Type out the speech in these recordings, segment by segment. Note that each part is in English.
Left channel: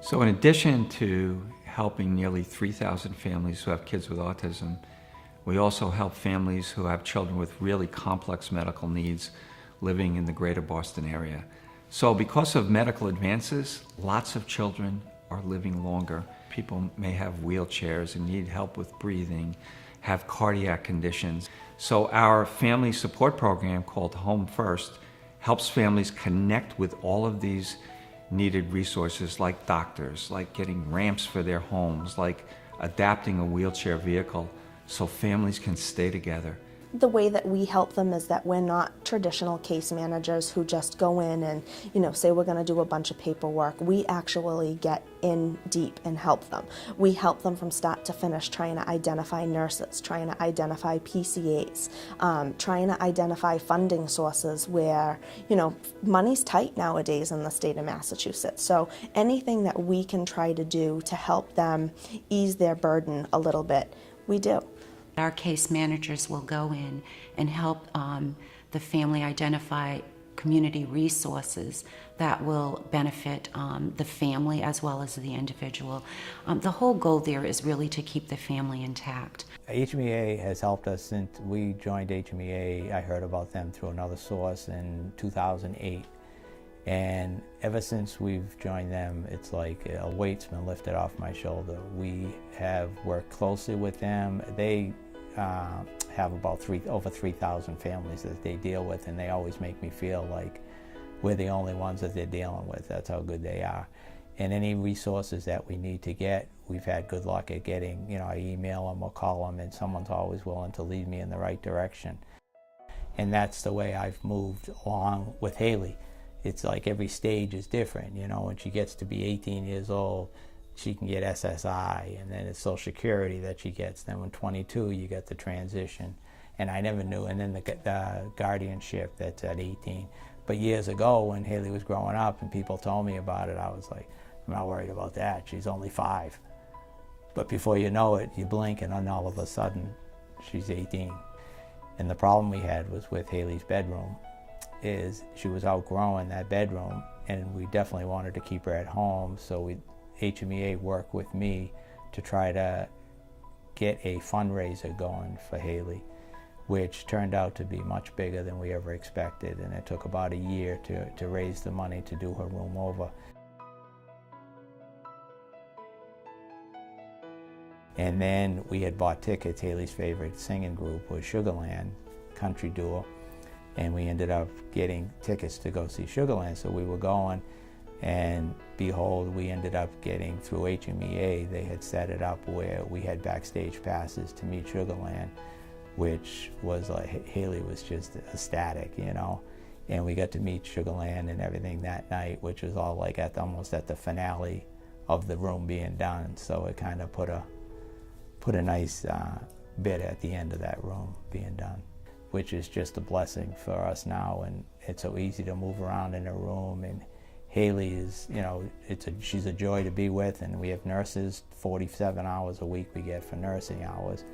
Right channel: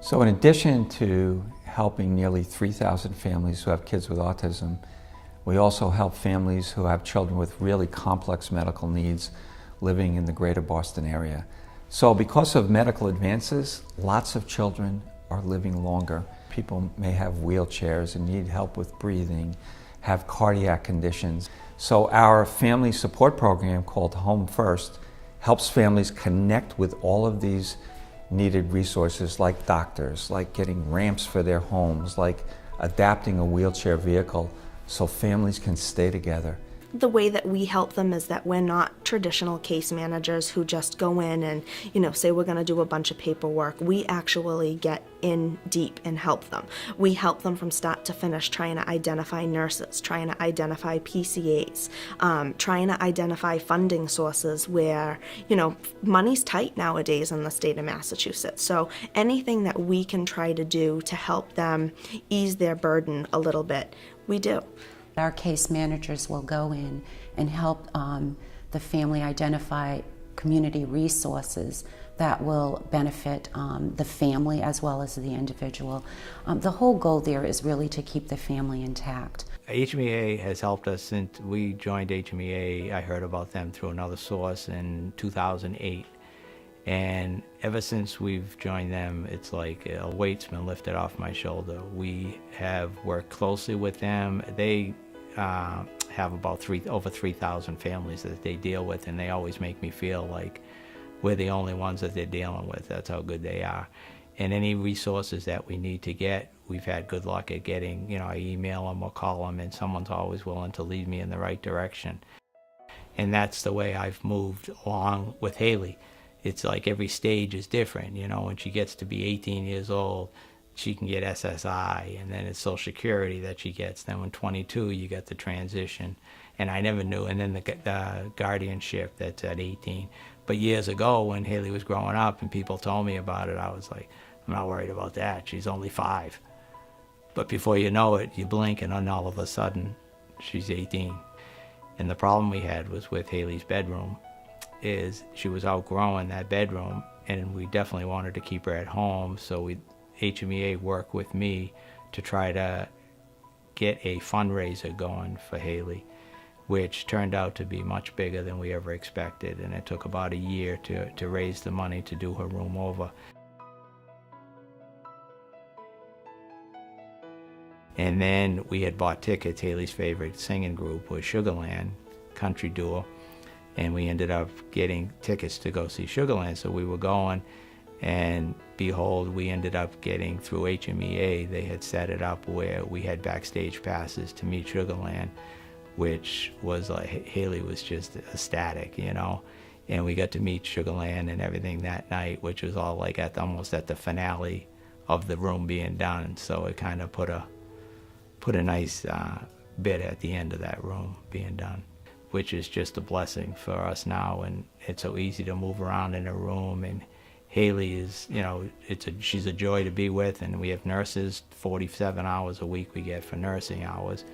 So in addition to helping nearly 3,000 families who have kids with autism, we also help families who have children with really complex medical needs living in the greater Boston area. So because of medical advances, lots of children are living longer. People may have wheelchairs and need help with breathing, have cardiac conditions. So our family support program called Home First helps families connect with all of these needed resources like doctors, like getting ramps for their homes, like adapting a wheelchair vehicle so families can stay together. The way that we help them is that we're not traditional case managers who just go in and, say we're going to do a bunch of paperwork. We actually get in deep and help them. We help them from start to finish, trying to identify nurses, trying to identify PCAs, trying to identify funding sources where, money's tight nowadays in the state of Massachusetts. So anything that we can try to do to help them ease their burden a little bit, we do. Our case managers will go in and help the family identify community resources that will benefit the family as well as the individual. The whole goal there is really to keep the family intact. HMEA has helped us since we joined HMEA. I heard about them through another source in 2008. And ever since we've joined them, it's like a weight's been lifted off my shoulder. We have worked closely with them. They have about over 3,000 families that they deal with, and they always make me feel like we're the only ones that they're dealing with. That's how good they are. And any resources that we need to get, we've had good luck at getting. I email them or call them, and someone's always willing to lead me in the right direction. And that's the way I've moved along with Haley. It's like every stage is different. When she gets to be 18 years old, she can get SSI, and then it's Social Security that she gets. Then when 22, you get the transition. And I never knew. And then the guardianship, that's at 18. But years ago, when Haley was growing up and people told me about it, I was like, I'm not worried about that. She's only 5. But before you know it, you blink, and then all of a sudden, she's 18. And the problem we had was with Haley's bedroom is she was outgrowing that bedroom, and we definitely wanted to keep her at home. So HMEA worked with me to try to get a fundraiser going for Haley, which turned out to be much bigger than we ever expected. And it took about a year to raise the money to do her room over. And then we had bought tickets. Haley's favorite singing group was Sugarland Country Duo, and we ended up getting tickets to go see Sugarland. So we were going, and behold, we ended up getting through HMEA. They had set it up where we had backstage passes to meet Sugarland, which was like, Haley was just ecstatic, and we got to meet Sugarland and everything that night, which was all like almost at the finale of the room being done. So it kind of put a nice bit at the end of that room being done, which is just a blessing for us now. And it's so easy to move around in a room, and Haley is, she's a joy to be with, and we have nurses, 47 hours a week we get for nursing hours.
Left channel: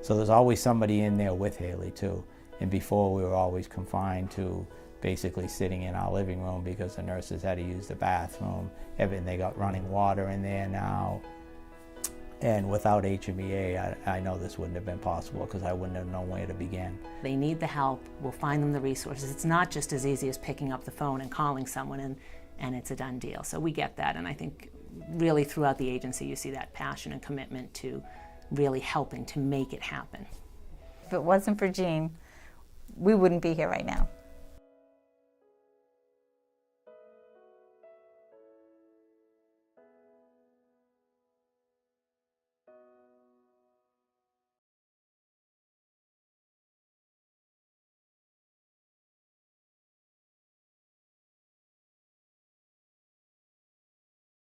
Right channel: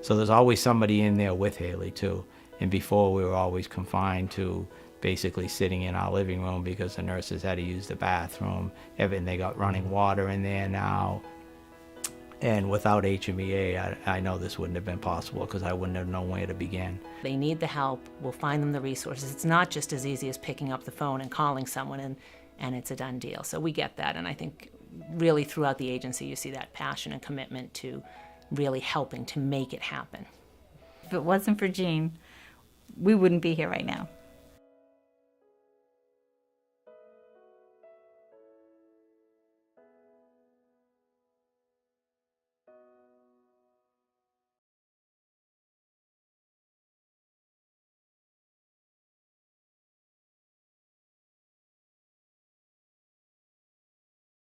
So there's always somebody in there with Haley too. And before, we were always confined to basically sitting in our living room because the nurses had to use the bathroom. They got running water in there now. And without HMEA, I know this wouldn't have been possible because I wouldn't have known where to begin. They need the help. We'll find them the resources. It's not just as easy as picking up the phone and calling someone and it's a done deal. So we get that. And I think really throughout the agency, you see that passion and commitment to really helping to make it happen. If it wasn't for Jean, we wouldn't be here right now.